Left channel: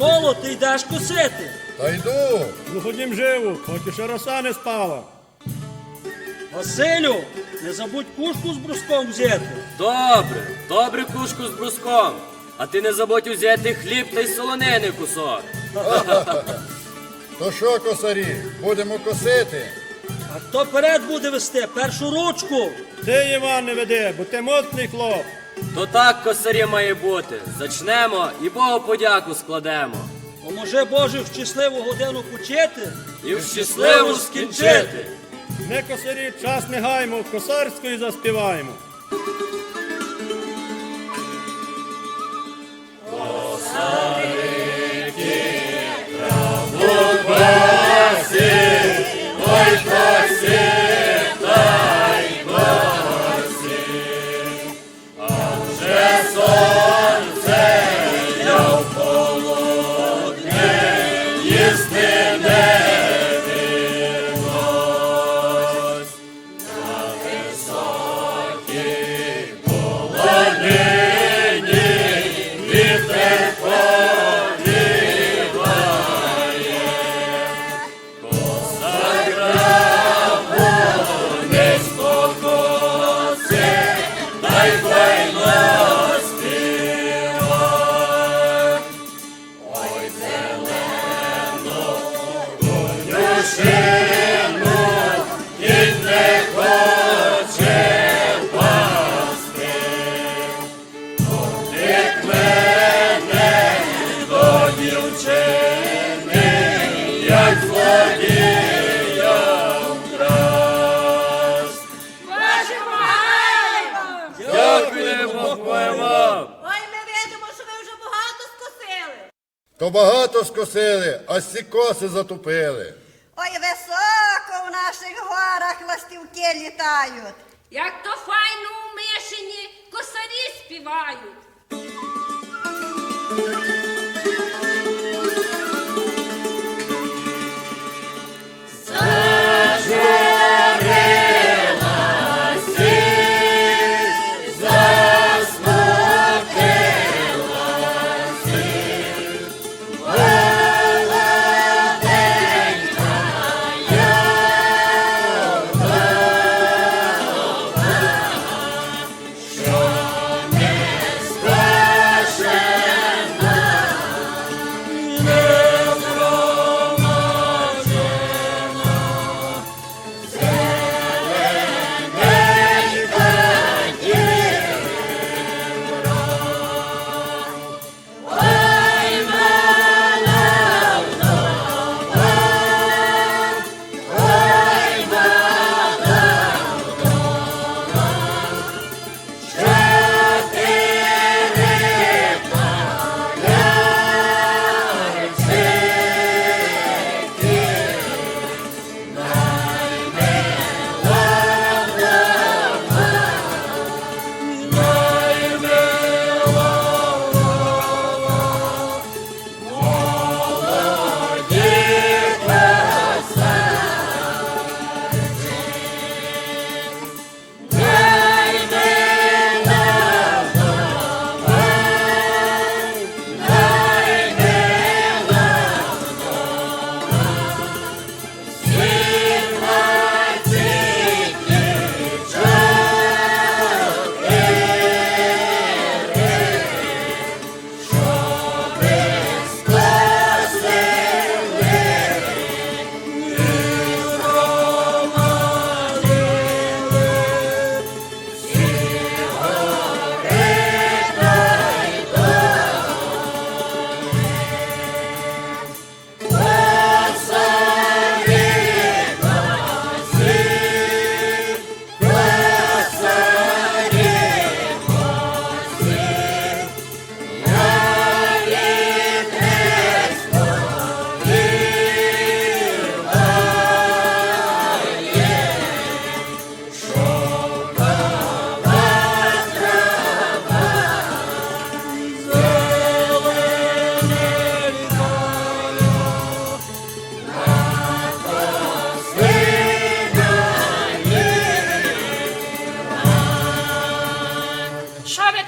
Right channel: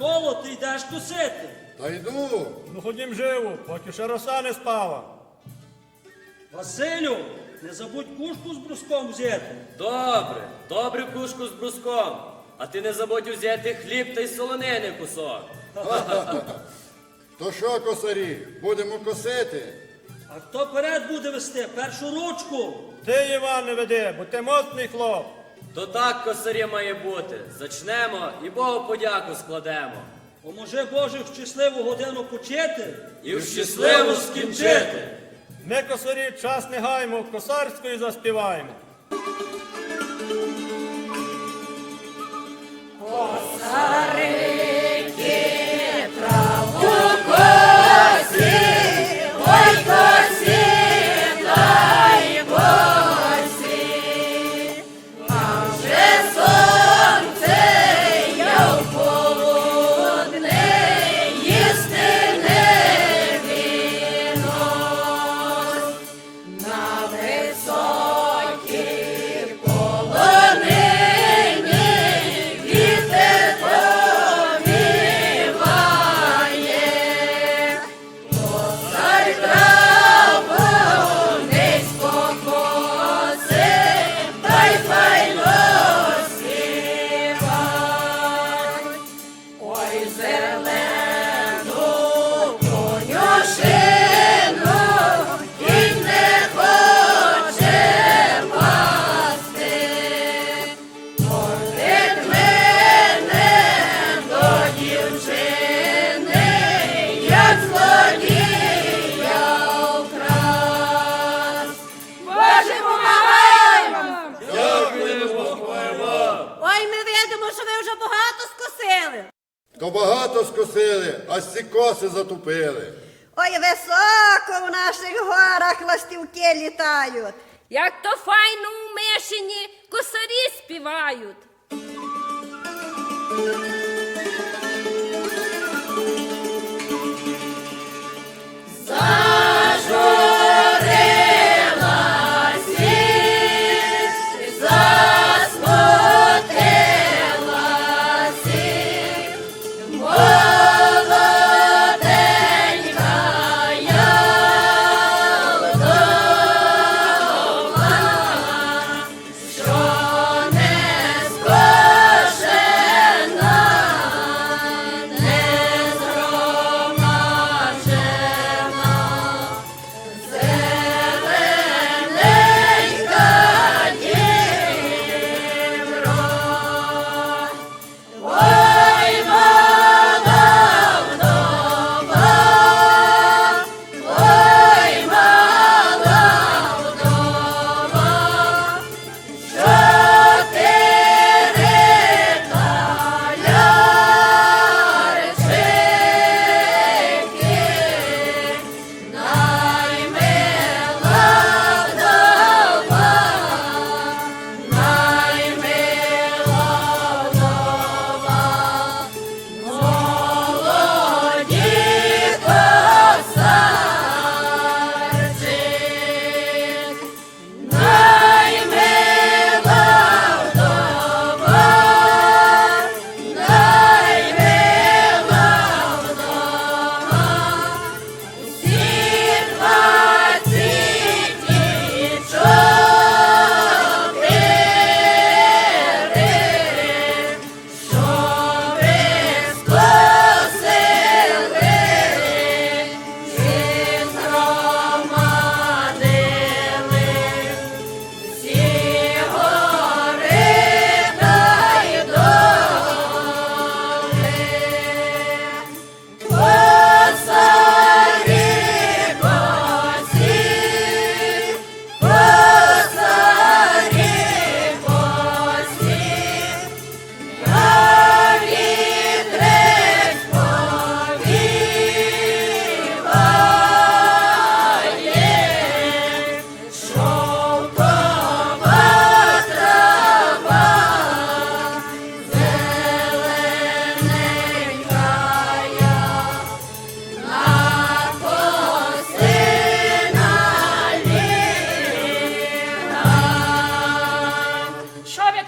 Миколо, ти йдеш косити. Та йду. Ну ходім живу, поки ще роса не спала. Василю, не забудь кушку з бруском взяти. Добре, добре кушку з бруском. А ти не забудь узяти хліб та й солонини кусок. То що, косарі, будемо косити? А хто перед буде вести першу ручку? Ти, Іван, не веди, бо ти моцний хлоп. То так косарі має бути. Зачнемо і Богу подяку складемо. Поможе Боже в щасливу годину почити. І в щасливу скінчити. Ми косарі час не гаймо, косарської заспіваємо. То багато скосили, а сі коси затупили. Ой, високо в наших горах ластівки літають. Як то файно у мишені косарі співають.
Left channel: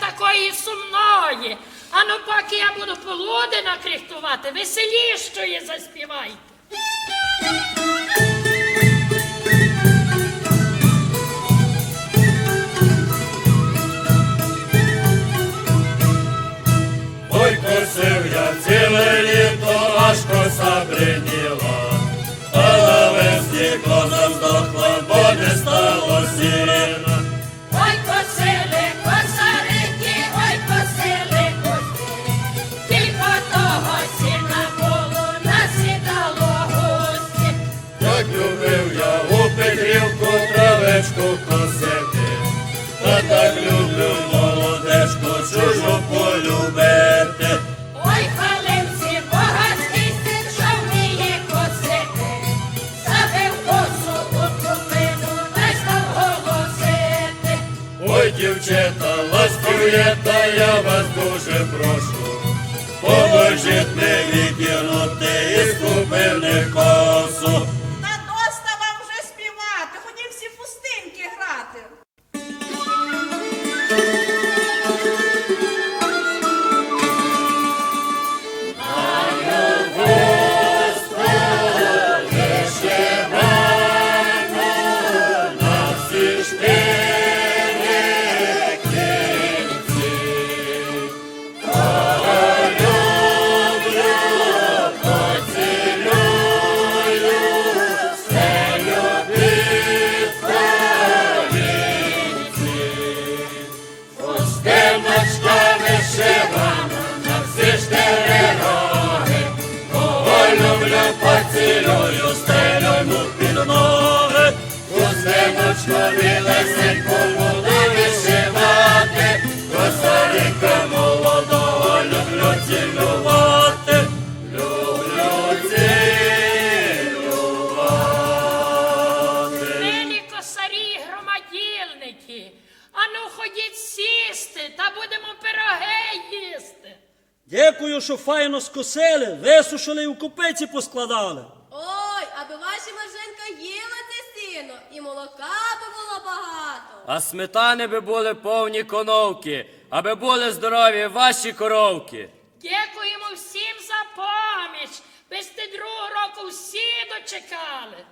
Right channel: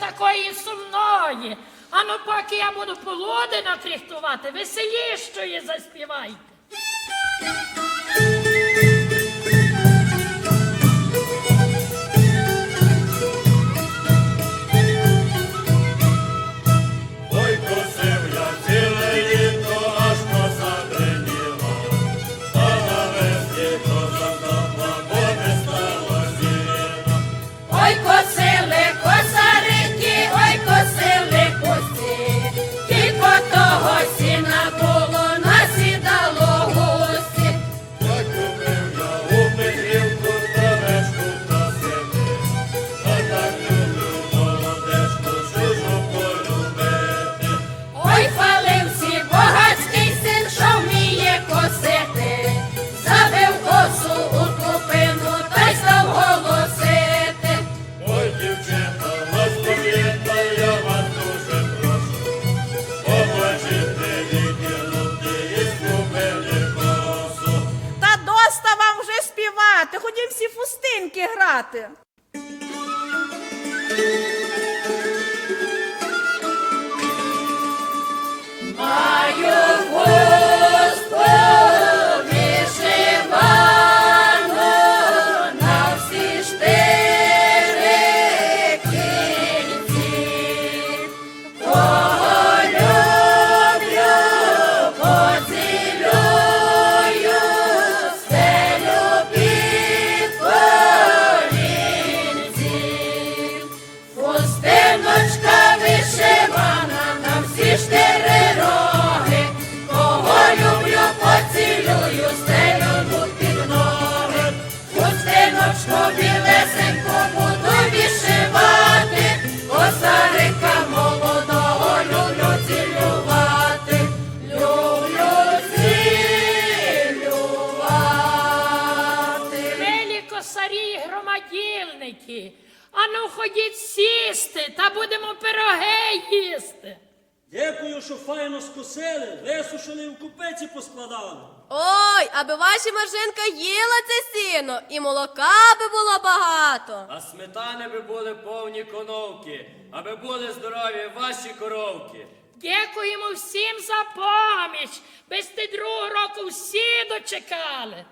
такої сумної. А ну поки я буду полудина кріхтувати, веселішої заспівайте. Файно скосили, висушили і в купиці поскладали. Ой, аби ваша Маржинка їла це сіно, і молока би було багато. А сметани би були повні коновки, аби були здорові ваші коровки. Дякуємо всім за поміч. Без ти другого року всі дочекали.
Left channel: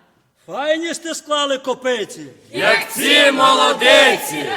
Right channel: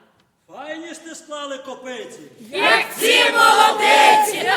Файні сте склали копиці. Як ці молодиці!